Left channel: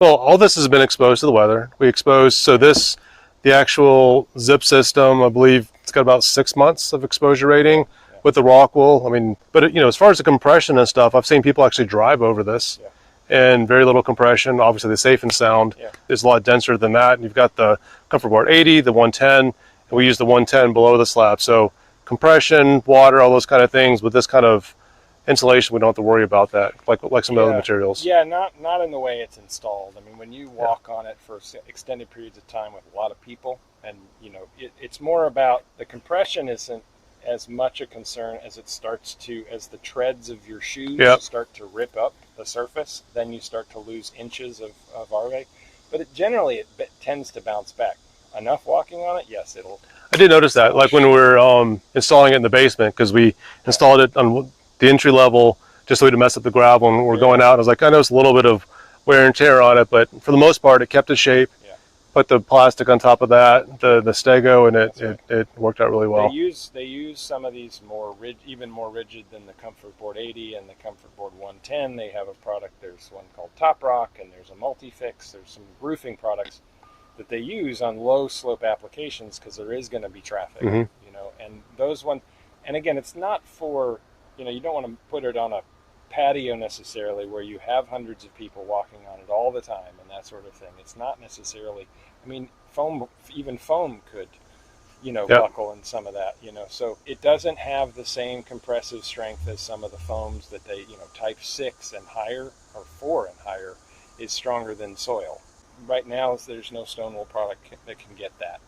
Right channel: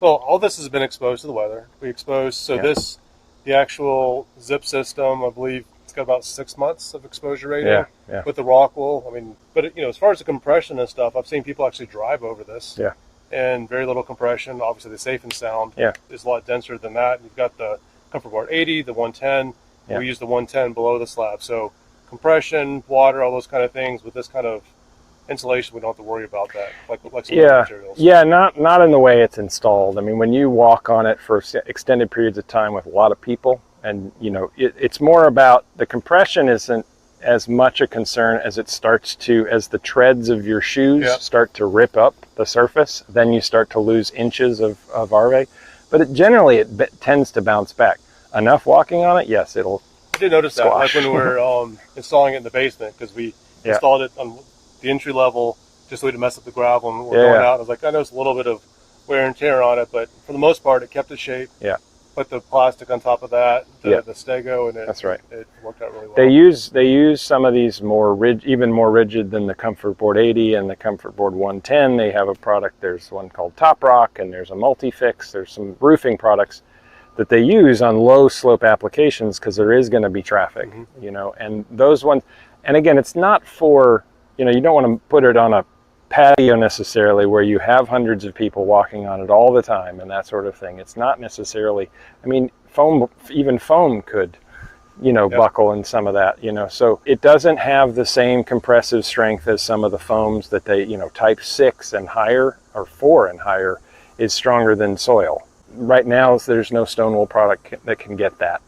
Well, all this has been exposed to the weather. We exposed, so this, the actual zip system, I believe it's got about 6 months of exposure rating with the ROCKWOOL. I mean, but you know, as far as the compression and stuff, I've seen people actually drive over this. And very little compression. Obviously, the safe and sound is a lot denser than that. And you've got the Comfort Board 80, the 110. And we use the 110 below the slab. So compression, water, all those kind of things. With this kind of insulation, we don't have to worry about that, like some other materials. Yeah, not in the way it's installed. I mean, when you walk on it for extended periods of time with a lot of people, and you know, it's more about the compression isn't as much a concern as it starts to, as the treads of your shoes start to rip up the surface, then you start to lose inches of RV. But generally, it tends to bounce back. Enough walking on it, yes, it'll. I did notice that, like when we were installing it in the basement, because we installed it on the entry level just so we didn't mess up the gravel, and we're going out. I was like, I noticed a little bit of wear and tear on it, but for the most part, it kept its shape. Put the plastic on top of that, the Stego, and it worked out really well. They use some of these even more rigid than the Comfort Board 80 and the Comfort Board 110. They have a product. There's one called Top Rock, and there's a Multi-Fix. There's some roofing products that they use on low slope applications because there is going to be traffic, you know. And those ones, and again, it's not for, you know, you don't want to put it on a patio necessarily where you have hundreds of people walking on it all the time and that sort of thing. It's not necessarily, I mean, even foam could, you know, buckle in some of that, you know. So it doesn't have the same compressive strength as some of the foams that they, you know, type 6 and higher or 4 and higher is stronger than soil. Right now, there's no stone wool product that can get that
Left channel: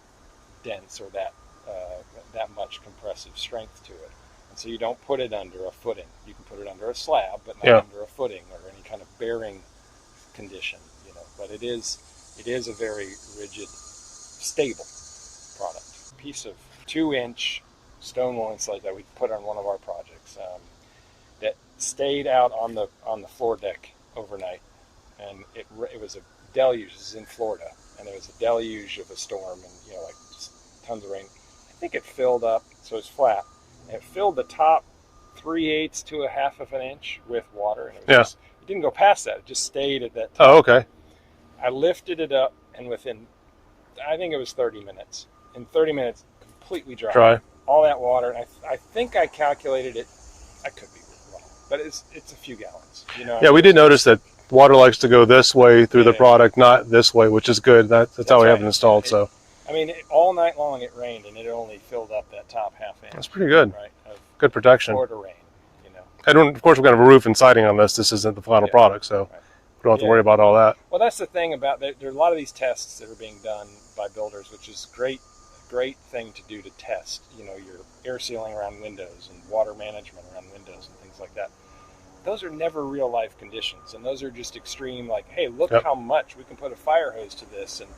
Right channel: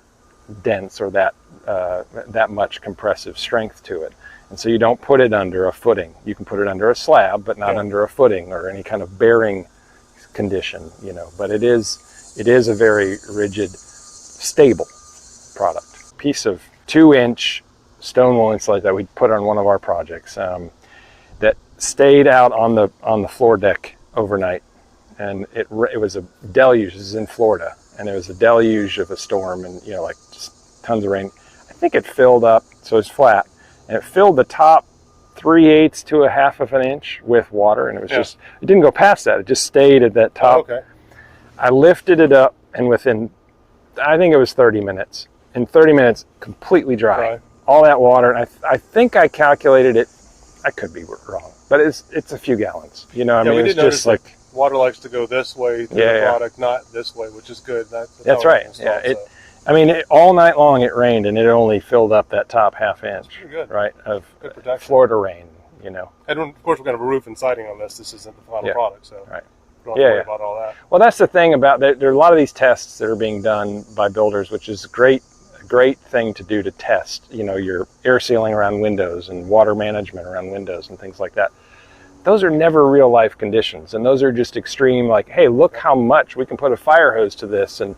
dense or that much compressive strength to it. And so you don't put it under a footing. You can put it under a slab, but not under a footing or any kind of bearing condition, you know. But it is a very rigid, stable product. Piece of 2-inch stone wool insulation that we put on one of our projects that stayed out on the floor deck overnight, and it was a deluge. This is in Florida, and it was a deluge of a storm, and you know, like just tons of rain. I think it filled up, so it's flat. And it filled the top 3/8 to 1/2 of an inch with water, and it was just, it didn't go past that. It just stayed at that top. Oh, okay. I lifted it up, and within, I think it was 30 minutes. In 30 minutes, completely dry. All that water, and I think I calculated it. I could be wrong, but it's a few gallons. You know. Yeah, I mean, we did notice that water likes to go this way through the product, not this way, which is good. That's how we have it installed. So. I mean, all night long it rained, and it only filled up that top 1/2 inch. That's pretty good, right? Of good protection. Florida rain, you know. And of course, we've got a roof and siding on this. This isn't the final product, so we don't have to worry about all that. Well, that's the thing about there are a lot of these tests that are being done by builders, which is a great thing to do to test. You know, your air sealing around windows and water management around windows and things like that. Those are never real life conditions, and those are just extreme. Like, hey, look how much we can put a fire hose to this, and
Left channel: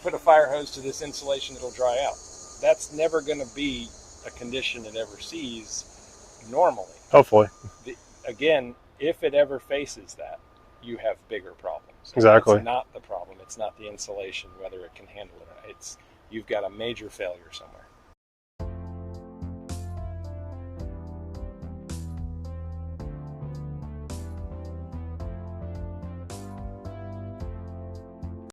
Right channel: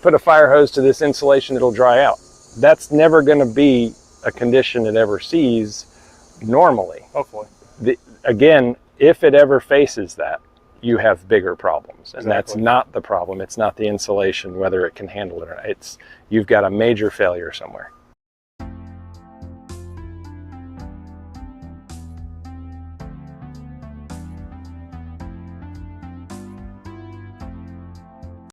put a fire hose to this insulation, it'll dry out. That's never going to be a condition it ever sees normally. Hopefully. Again, if it ever faces that, you have bigger problems. And exactly. That's not the problem. It's not the insulation, whether it can handle it or not. You've got a major failure somewhere.